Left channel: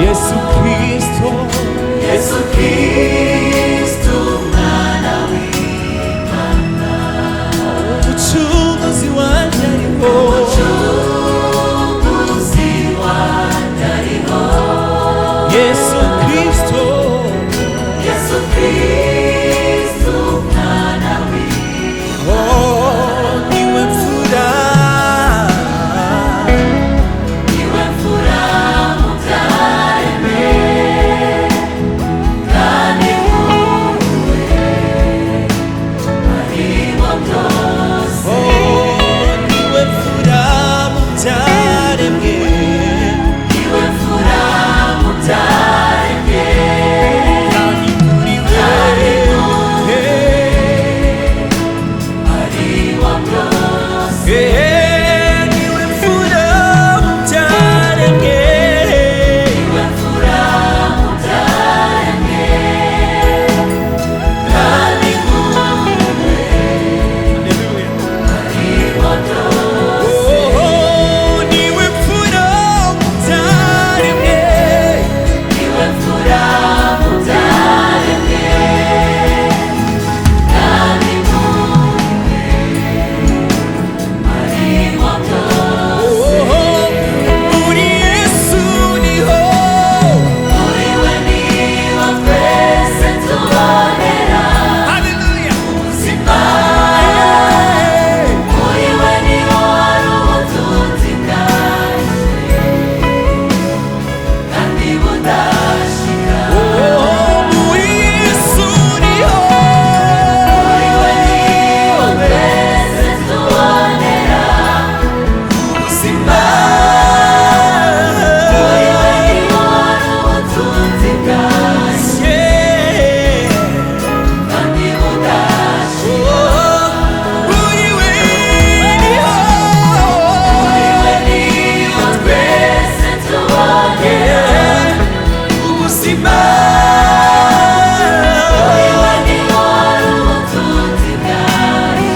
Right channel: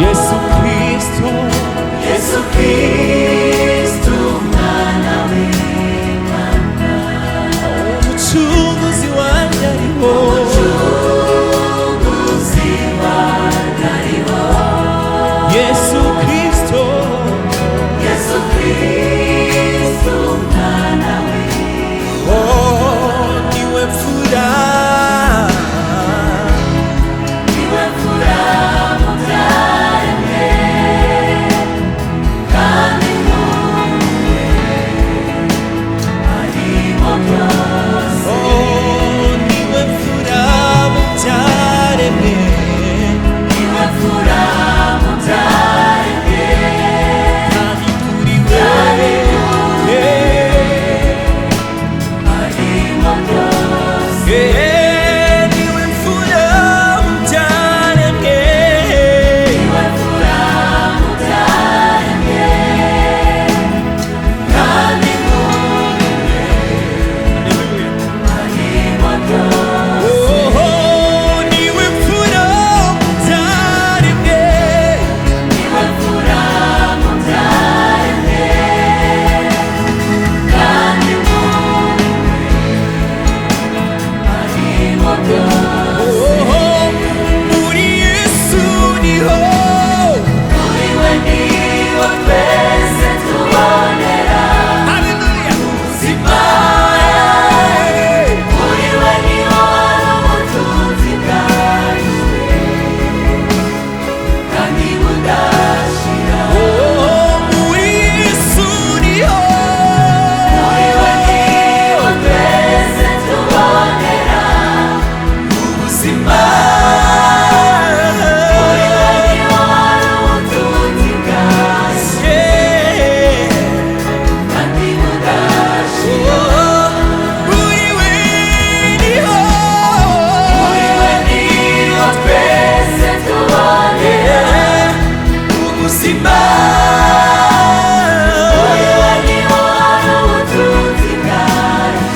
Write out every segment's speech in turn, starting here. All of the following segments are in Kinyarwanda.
예수 그리스도 예수 그리스도 umwana w'Imana umucunguzi wanjye ariho umucunguzi wanjye ariho 예수 그리스도 예수 그리스도 umwana w'Imana 니왜 풀아 niwe mfura mu byaremwe kandi muri harimo byose 니왜 풀아 목자рем게 niwe mfura mu byaremwe 하니 우리 왜 harimo byose 니왜 풀아 목자рем게 niwe mfura mu byaremwe kandi muri 할렐루야 harimo byose 니왜 풀어 목자рем게 niwe mfura mu byaremwe kandi muri harimo byose 우리 예수니호 muri we niho twese tubonera 할렐루야 ubuzima muri we niho hari ubutunzi bwacu kandi budashira 우리 예수니호 muri we niho twese tubonera ubuzima muri we niho hari ubutunzi bwacu kandi budashira 우리 왜니호 niho twese tubonera 우무시마 niho hari ubutunzi bwacu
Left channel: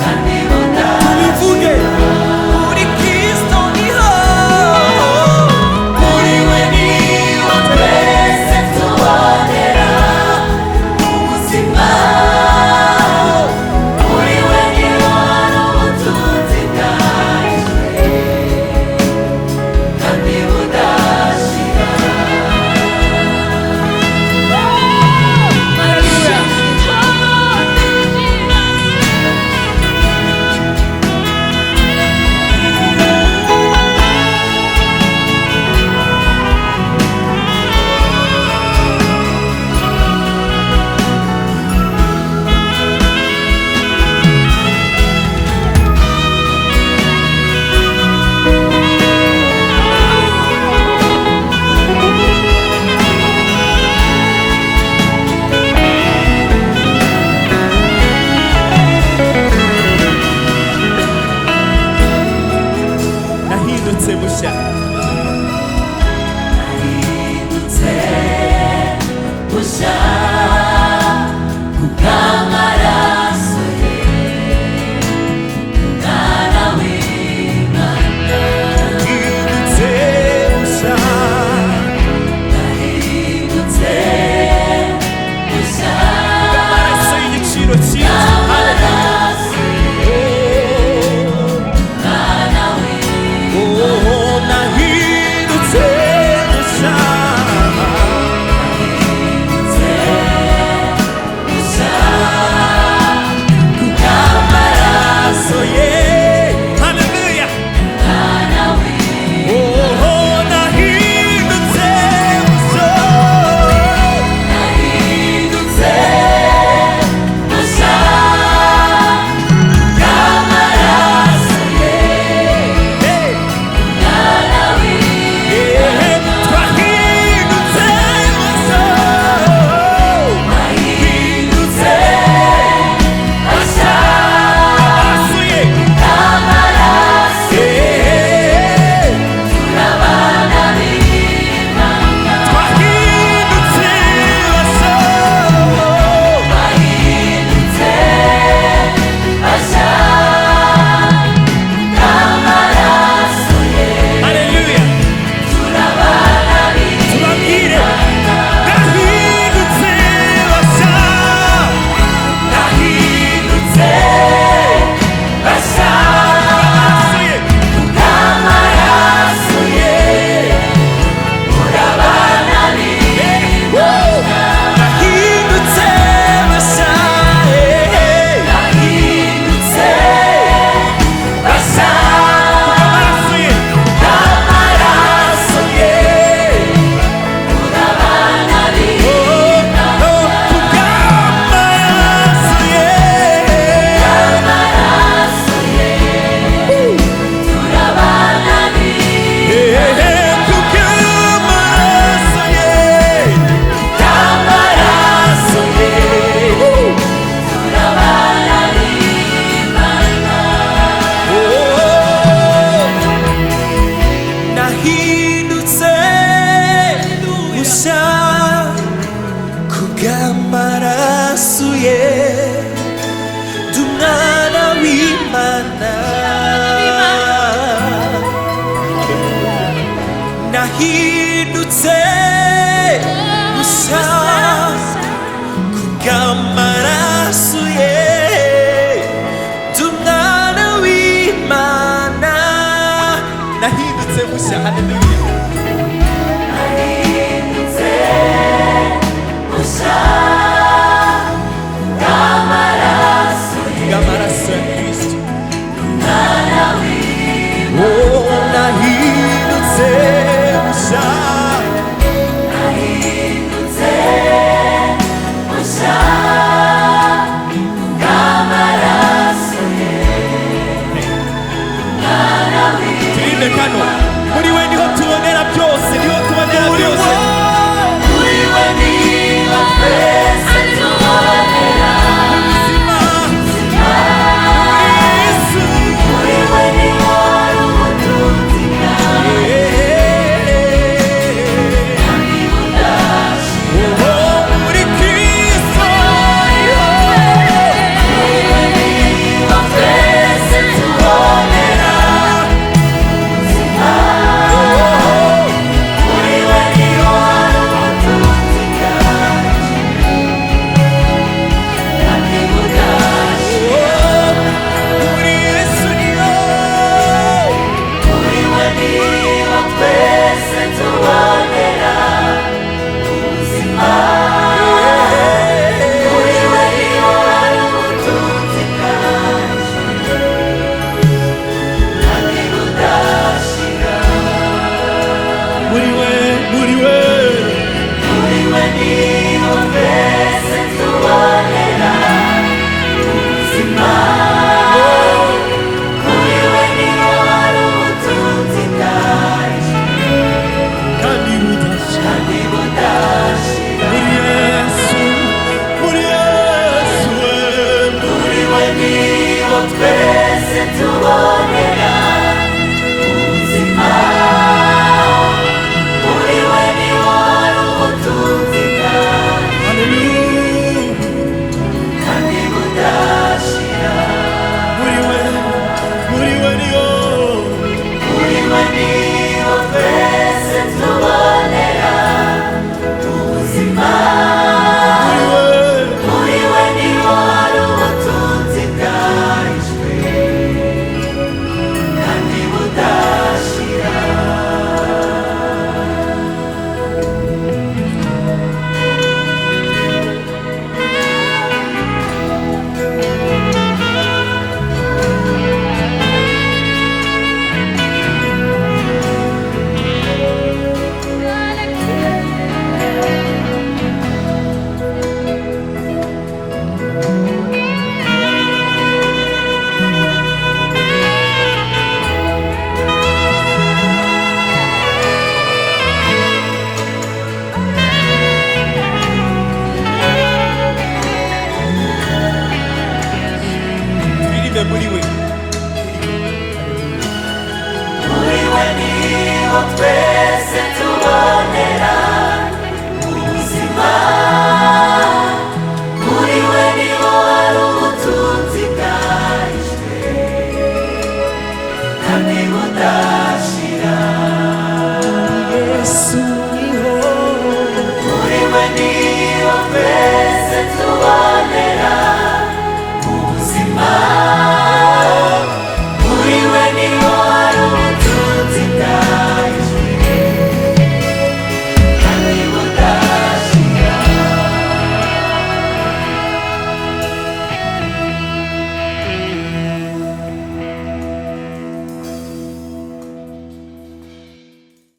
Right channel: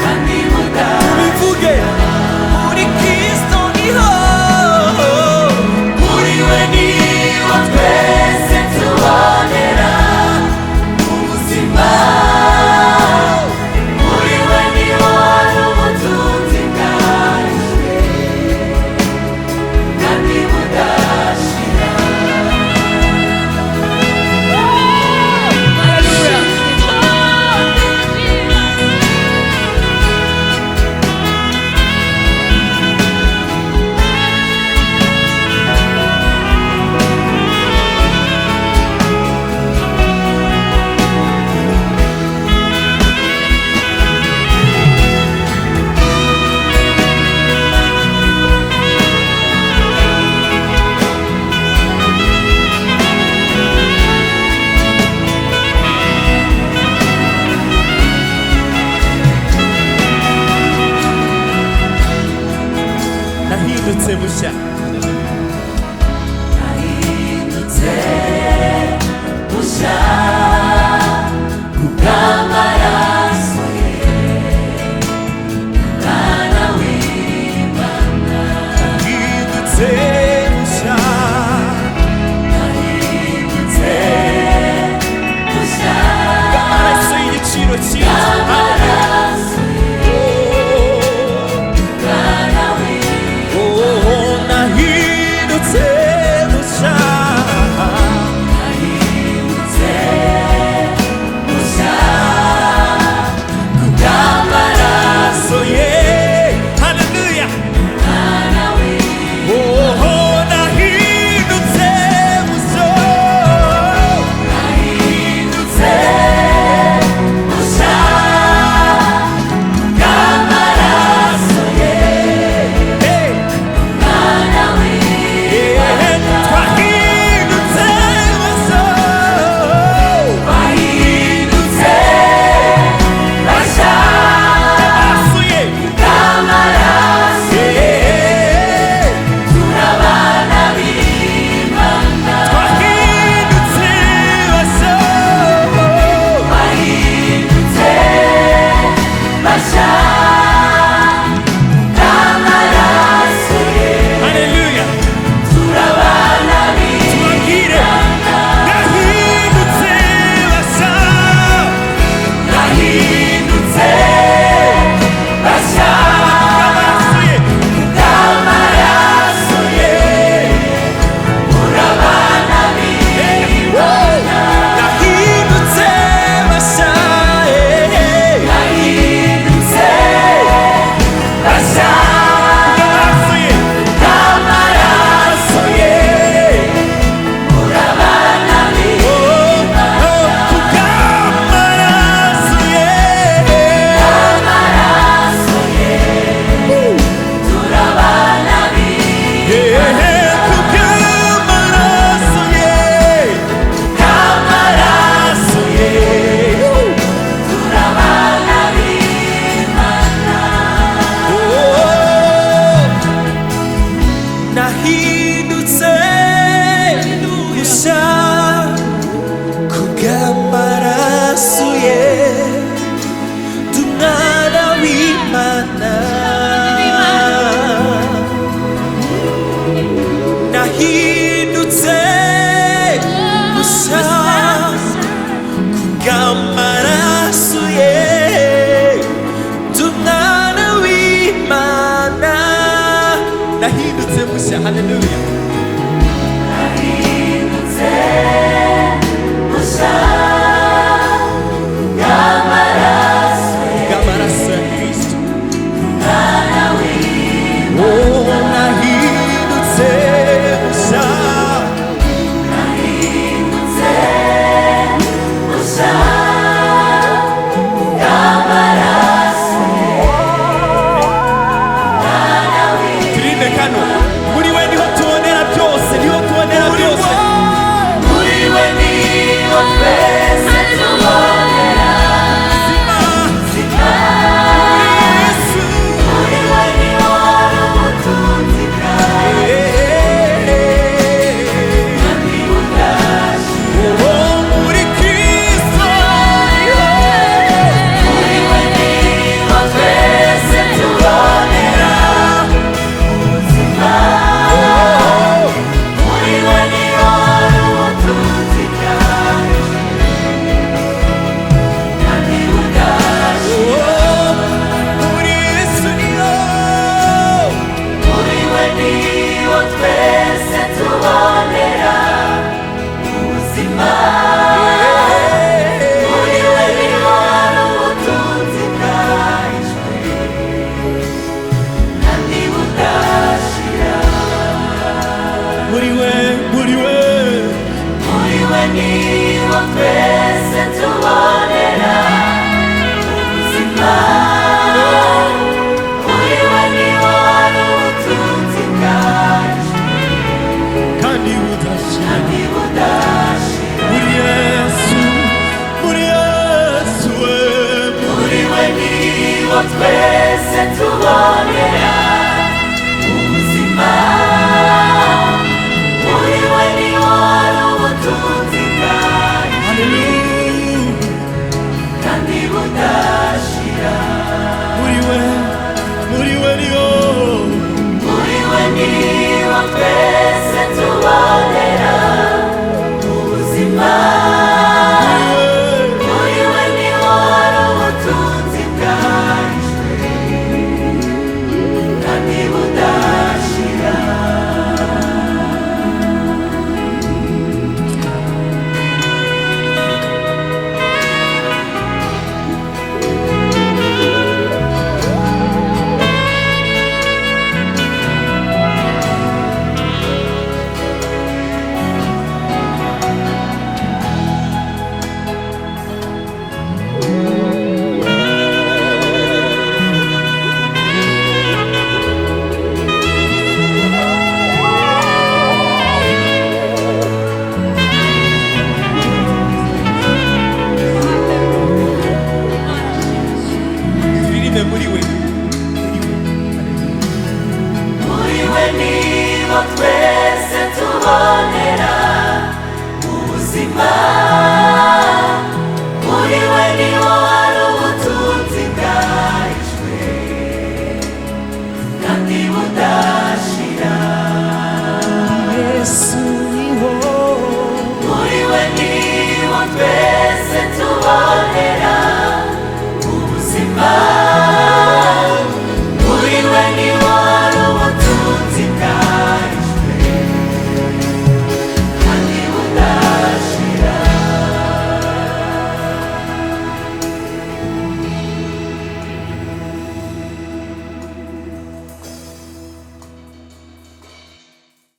kandi budashira 비부게 우리 그리스도니호 muri we niho twese tubonera ubuzima muri we niho hari ubutunzi bwacu kandi budashira 할렐루야 나히도체 무샤 나이두세 부샤 구가마라소에 나나위만나 나히도체 무샤 나이두세 부샤 까마라 소이니 치로 치로 할렐루야 오 나히도체 무샤 부샤 nahindutse mushya kubw'amaraso ye ndi umwana w'Imana nahindutse mushya kubw'amaraso ye ndi umwana w'Imana nahindutse mushya haleluya bw'amaraso ya Kristo oh nahindutse mushya turinde kano muri we niho tubonera byose niho tubonera byose muri we niho twese tubonera ubuzima muri Yesu muri we niho hari ubutunzi bwawe kandi budashira oh muri Kristo muri we niho twese tubonera ubuzima muri we niho hari ubutunzi bwawe kandi budashira muri Yesu niho muri we niho twese tubonera ubuzima muri we niho hari ubutunzi bwacu kandi budashira muri we